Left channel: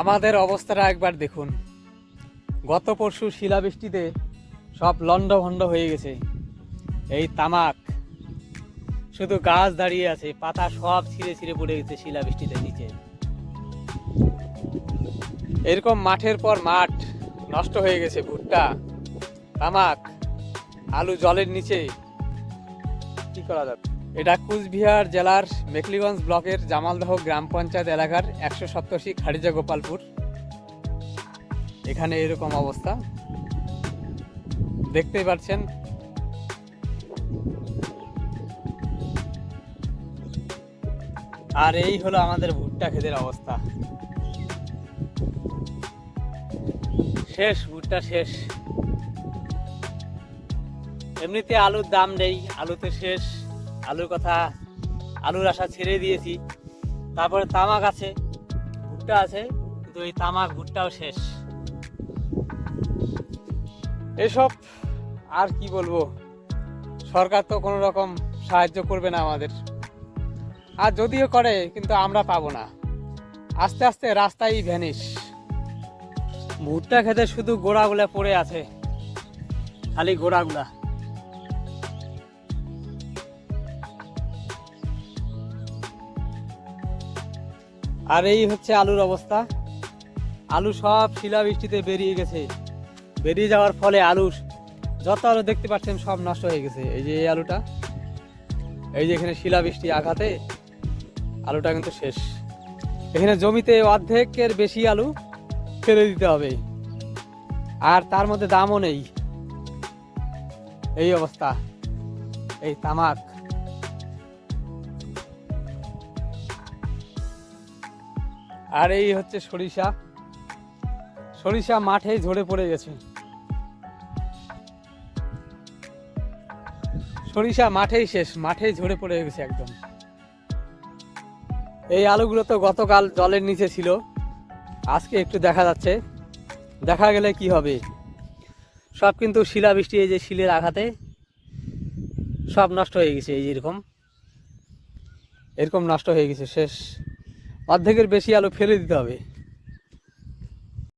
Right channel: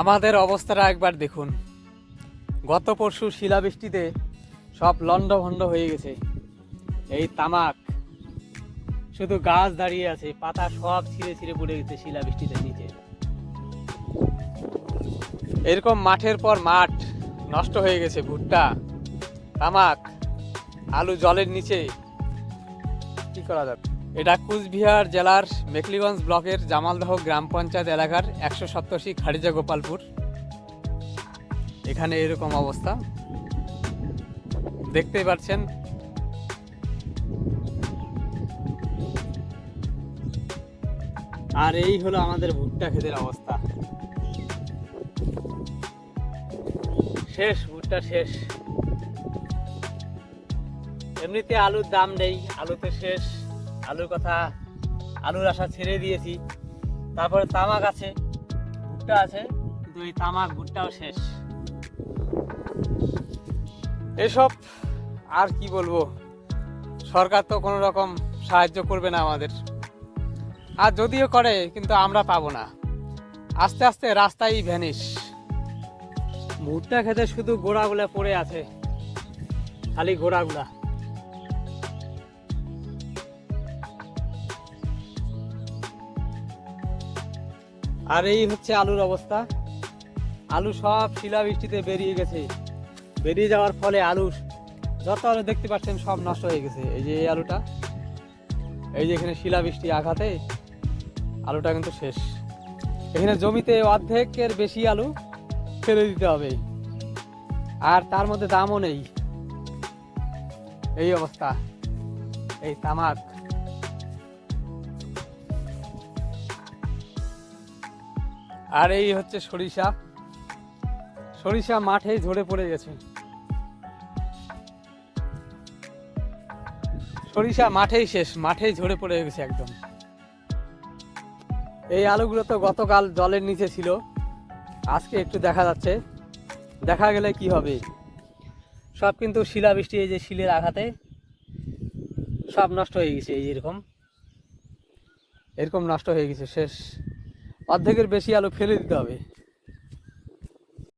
আমাদের অবস্থাটা একবার দেখুন। গত পরশু শিলাবৃষ্টিতে সব লন্ডভন্ড হয়ে গেছে। এই তামাক শুধু গাছ দাঁড়িয়ে আছে, পাতা সব ছিঁড়ে ছিঁড়ে পড়ে গেছে শিলাবৃষ্টিতে নিচে। এরকম মাঠের পর মাঠ নষ্ট হয়ে গেছে। ভুট্টা, তামাক, আলু জলের নিচে। কি করা যাবে? এটা কুচবিহার জেলার মেখলিগঞ্জ ব্লকের জামালদহ গ্রাম পঞ্চায়েত এলাকার 187 খারিজা গোপালপুর। এখানে এরকম অবস্থা দেখতেই পাচ্ছেন। আর এই হলো আমাদের ভুট্টা ক্ষেতের অবস্থা। শেষ, ভুট্টা শেষ। এমনিতে আলুর দাম নেই, আলুতে শেষ। আলুর কথা, আলুর আশা ছেড়ে দিয়েছি। তারপরে তামাক আছে, ভুট্টা আছে, কিন্তু এই তামাক ভুট্টাও শেষ। এসব আর কি বলবো, সরকার তো কোনো রকম সাহায্য করবে না আমাদের। আর যদিও করে, কিন্তু আমরা পাবো না। আস্তে আস্তে রাস্তায় ভ্যানিশ। ভুট্টা খেতে শুধু গোড়াগুলা পড়ে আছে, খালি গোড়াগুলা। আর এই হচ্ছে আলুর অবস্থা। আলু সব শিলাবৃষ্টিতে বেরিয়ে গেছে। বেরিয়ে যাওয়ার ফলে আলুর যত আলু দেখতে পাচ্ছেন সব নষ্ট হয়ে গেছে। এই যে এই আলুটা, এই যে এখানে শিলাবৃষ্টি আঘাতে আলুটা কিন্তু শেষ। এখানে জমিতে অর্ধেকের বেশি আলু ফেলে দিতে হবে, আর তার মধ্যে দামও নেই। এই অবস্থা। এই তামাক, আর এই হচ্ছে সরিষা। সরিষা মাঠেই ঝরে পড়ে গেছে। সরিষা মাঠেই শেষ, মাঠেই ঝরে পড়ে গেছে একদম। এই আলুগুলো তো গতকাল জলের নিচে ছিল, আজকে একটু দেখা যাচ্ছে। দেখা গেলে কি হবে, সব কিন্তু শিলাবৃষ্টি, এই যে শিলের আঘাতে সব নষ্ট হয়ে গেছে। এই যে এরকম এরকম নষ্ট হয়ে গেছে, শেষ। অর্ধেকের বেশি আলু ফেলে দিতে হবে।